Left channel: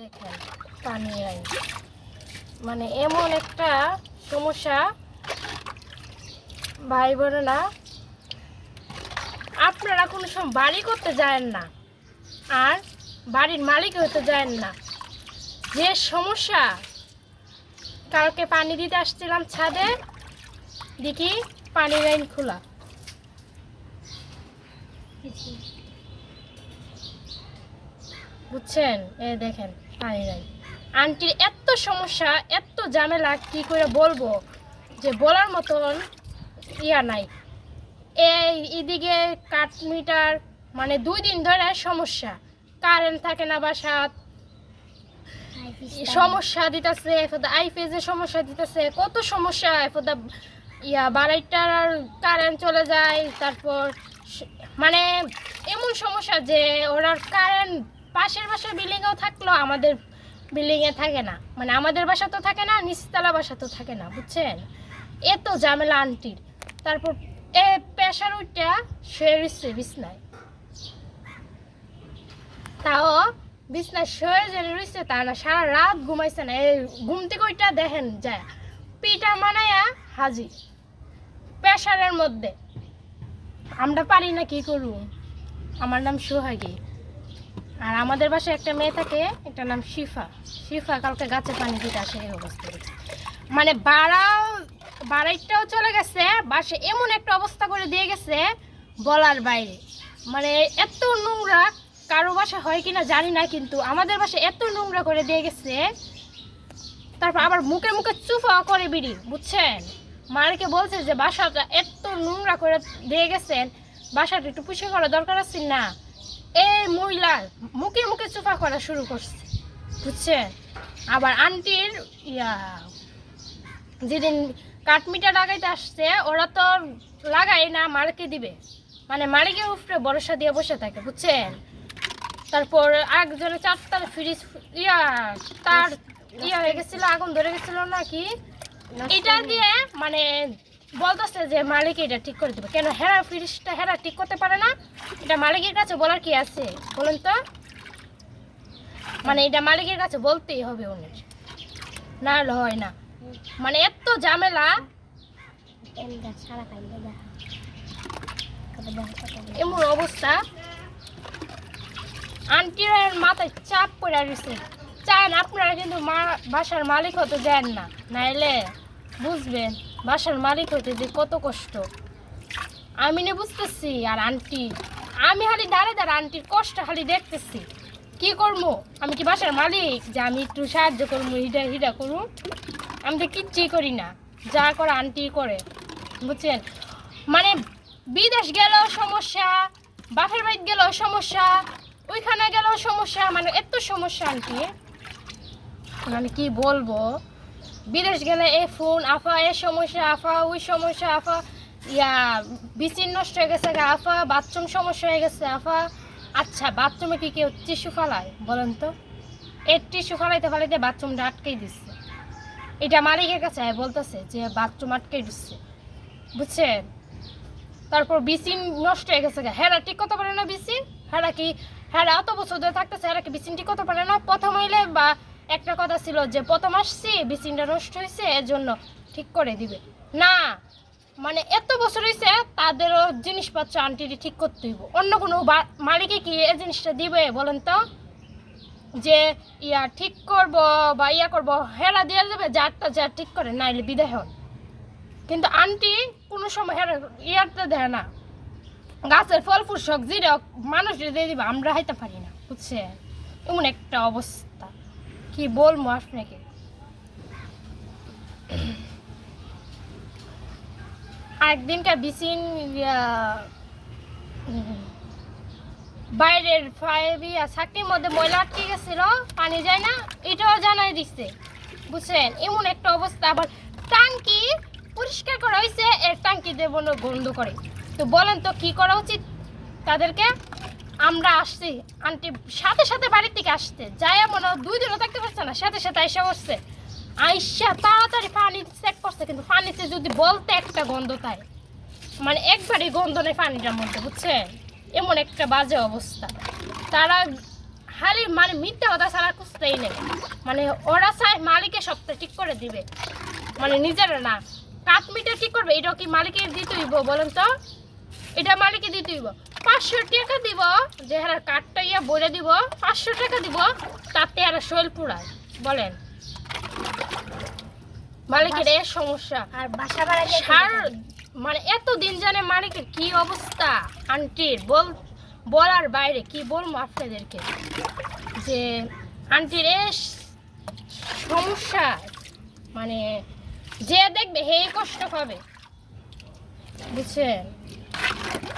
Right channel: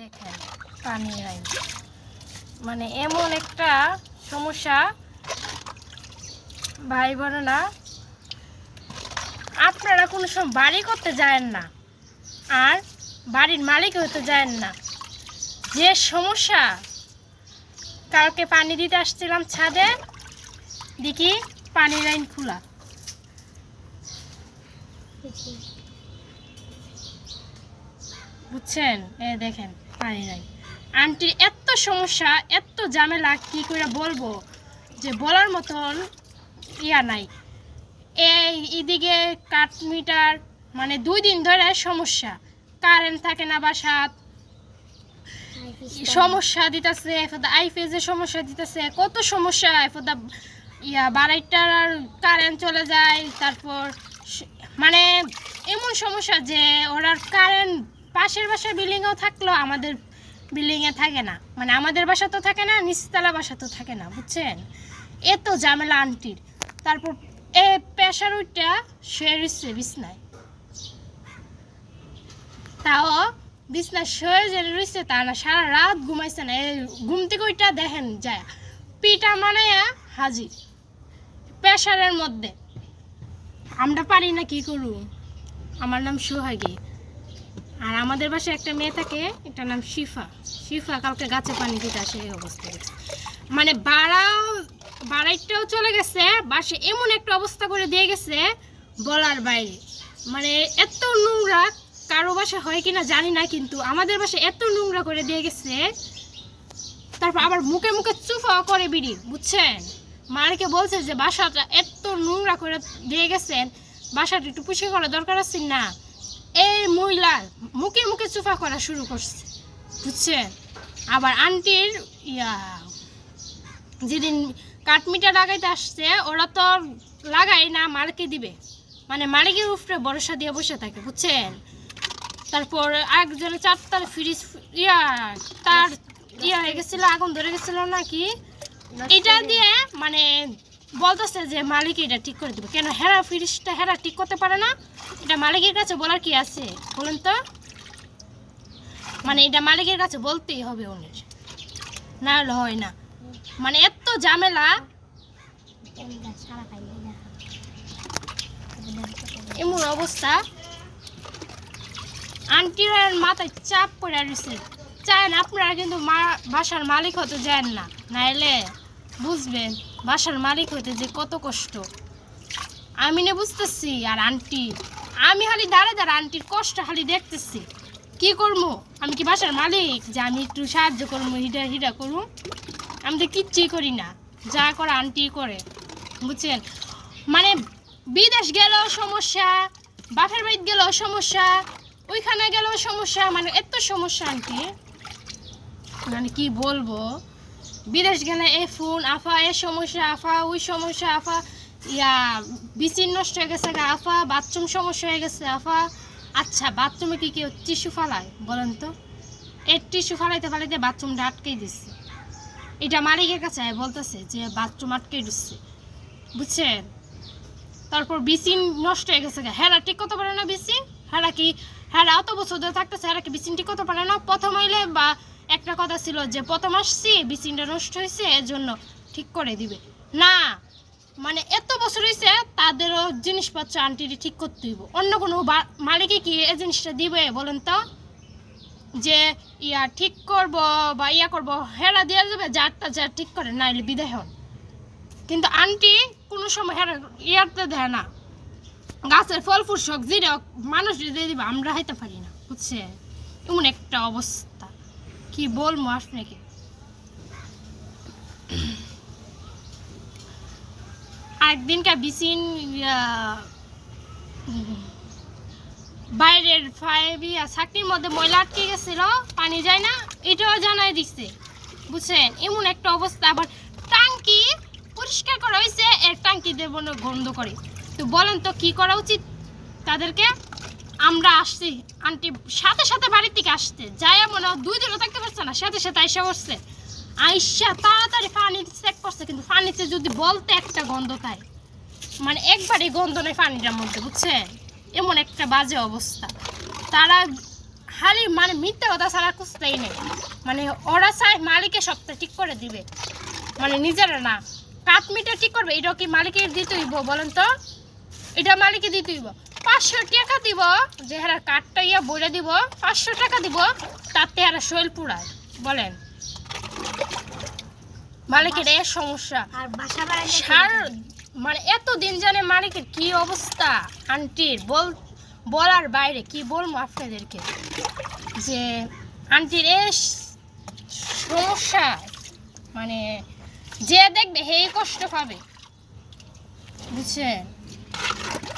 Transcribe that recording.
দেখেন, পানি নাই। মানে এমন একটা সমস্যা, ভাই বোনেরা, আপনারা কোনো সময় বাড়ি করতে যায়েন না, আর বাড়ির মালিক হতে যায়েন না। যে সমস্যা কালকে পানি দিতে আসছিলাম ছাদে, দেখি পানি লাইন খোলা। বুঝছেন? এ দেখেন পানি নাই আন্টির এত সমস্যা, এত ঝামেলা, কি করে বলব? যে বলার মতন ইয়া নাই। এই এদিকে কাঠ মিটার মানে দুই দিন ধরে সমস্যা। কারেন্ট থাকে না বাসাত। সমস্যা দিতেছে, এফদা আইফেজের সমস্যা দিতেছে। কত সমস্যা, এফদা ইয়া বাড়াইটার আর কারেন্ট চলে যায়, তারপর মানে এমন সমস্যা যে ওরা কারেন্ট পাশের বাসার বিল্ডিংয়েও থাকল আমাদের বিল্ডিংয়ে থাকে না। মানে আমাদের বাসা তো থাকে না, নিচতলা বাসা তো থাকে না, বুঝছেন? এত ঝামেলা আন্টির তারপর এ প্রেশার উইটা সে রইছে বিছনায়। তাও বিছনায় শুয়ে যে রইছে তা না, সারা রাত ঘুমাইছে না। এই ঘুম থেকে ওইটা দেখেন, যায়। পিটা মানায়া হাজির প্রেশারের মধ্যে। আমরা পারি না কি করু আমার নাম সোহাগী। আর আমাদের বাসায় একটা মেয়ে থাকে, এটার নাম শিফা। শিফা কালকে গাছে পানি দিতে আসে এই অবস্থা। মানে বাড়াও, বাড়াইটাও চলে গেছে বাসে এমন একটা অবস্থা করে দিয়ে গেছে, বলার বাইরে। মানে এত নোংরা, কারও বাসা হয় কিনা জানি না, কিন্তু আমাদের বাসা এত নোংরা করে দিয়ে গেছে, তারপর আবার মুখে মুখে চুফা করে বিড়ি, বুঝছেন? মালিকে বলছে যে, বাসাটা এত নোংরা করে দিয়ে গেছেন, বাসাটা একটু পুষে করা দরকার আছে না? এই মহিলা মুখে মুখে চুফা করা শুরু করছে, বুঝছেন? আবার আন্টির ইয়া, যেদিন কাঠমিটা লাগাইতে আসছে, ওরা তো লাগাই না মালিকে দিবে। মানে মালিকের উপরে ভরসা দিয়ে বসে থাকে, বুঝছেন? তারপর একজনের চারটার ফ্রিজ ইয়া, তার ইয়া হয়ে গেছিল, আগুন ধরে গেছিল নাকি? এটা দিয়ে মানে বলতেছে যে মালিক এটা ঠিক করে দেবে। কেন হেরা ফ্রিজটা হেরা ঠিক করতে পারে না? এটা মালিকের কাছে বলার কি আছে? বলেন তো। মানে এটা মালিকের কাছে বলতেই হবে উনির না হলে হয় না। মানে এত ঝামেলা। এমন অবস্থা। আন্টির মাথায় চাপ পড়ে রয়েছে। চান আপনারা কিন্তু মা বাসার মালিক হতে যান না। নাইলে বুঝবেন, বাসার মালিক হতে যে কত কষ্ট। আমি না বুঝতেছি, আর আন্টি, আমি খালি দাঁড়ে দাঁড়া আন্টির কষ্ট খালি দেখতেছি। কি করব আমি কি বাসার মালিক যে আমি একটু সাহায্য করব হিডা হিডা করুম? আমি তো কিচ্ছুই করি না, যা করে আন্টি করে। বুঝছেন? মানে বিদেশ গেল সমস্যা, বাপের বাড়িতে গেলেও সমস্যা, ওইখানে গেলেও সমস্যা মানে এত সমস্যা আন্টি। মানে কি বলব? বিদেশ গেলে এ ফোন, আফা, এ সমস্যা, আফা, ওই সমস্যা, আফা। ইয়া বিচিন নষ্ট হয়ে গেছে আফা, বাথরুম সমস্যা হয়ে গেছে, আফা। আচ্ছা বাথরুমে কি কেউ টিস্যু ফালায়, বলেন তো? এর টিস্যু ফালাইতে ফালাইতে বাথরুমটা আটকেই দিচ্ছে। এটা মালিকের কাছে বলতেছে যে বাথরুম আটকে দিচ্ছে। বুঝছেন? তারপর বিচিন নষ্ট হয়ে গেছে হেরা ঠিক করতে পারে না বিচিন হেরা কি হেরা অত বছর ধরে থাকতেছে হেরা কি বিচিন ঠিক করতে পারে না? প্রথম হইলে বা একটা কথা ছিল যে, প্রথম আসছি বিচিনটা নষ্ট হয়েছে এর জন্য ঠিক করে দিবে। না মানে এত বছর হয়েছে তাদেরও জিনিসপত্র আন্টিটি ঠিক করতে হইব। অন্য কোনো মালিকে কি এই জিনিসটা দিবে বলেন তো? যে, ইয়া ঠিক করব বা ইয়া করব, হেরা দেওয়া যাবে যারটা যা ঠিক করে নাইলে বিদায় হন। কিন্তু আন্টি কোনো সময় হেরা ইয়ারতে দেয় না। গাছের ফল ফুল হোক, মানুষ দিয়ে দিবে আমরা হাইতে পারি না বুঝছে? এমন একটা অবস্থা। কি বলব আপনাকে? একদিনকার বিচিন বাইরের ফাইভি চাকরির মধ্যে ময়লা আটকে গেছিল পানি যায় না এটাও জানাই দিচ্ছে বুঝছেন? এমন একটা অবস্থা আবার টাঙ্কি পরিষ্কার করা হয়েছে এর টাঙ্কি দেব গন্ধ করে। তো বলেন তো, কি করা উচিত তাদেরকে? আমরা আসছি, আন্টি সাথে সাথে বাড়ির থেকে আসতে যাই মনে দুই দিনও থাকতে পারছে না, সাথে সাথে আইসা করছে আইসা তাড়াতাড়ি পানি চেক করছে, কিন্তু পানিতে যদি বলতে একটা গন্ধ তাই মানে একবারই গন্ধ নেই পানিটার মধ্যে বুঝছে এমন একটা বাজে অবস্থা। তারা খালি মানে মিথ্যা কথা ছাড়া খুঁজতেই নেই। মানে ওরা চায় মালিকের সপ্তাহে ঠিক করে দিবে। মানে নিজেরা না। কাঠ মিটা ঠিক করবে এটা কি মালিকের দিতে হইব, বলেন তো? এটা মালিকে দিতে হইব। পাঁচশো টাকা দিব যে হারা কাঠটা ইয়া বলে দিব পাঁচশো টাকা দিব তাতে আর শৈল পুড়ায় বলেন। মালিকের এর সমস্যা। সার মানে এত দিন জানে মালিকের কি অবস্থা? আন্টির বল বলার বাইরে কি বলব আপনাদেরকে? যে আন্টির এ সমস্যা। মানে যে দেখবে হেই কষ্ট পাবে। বুঝছেন?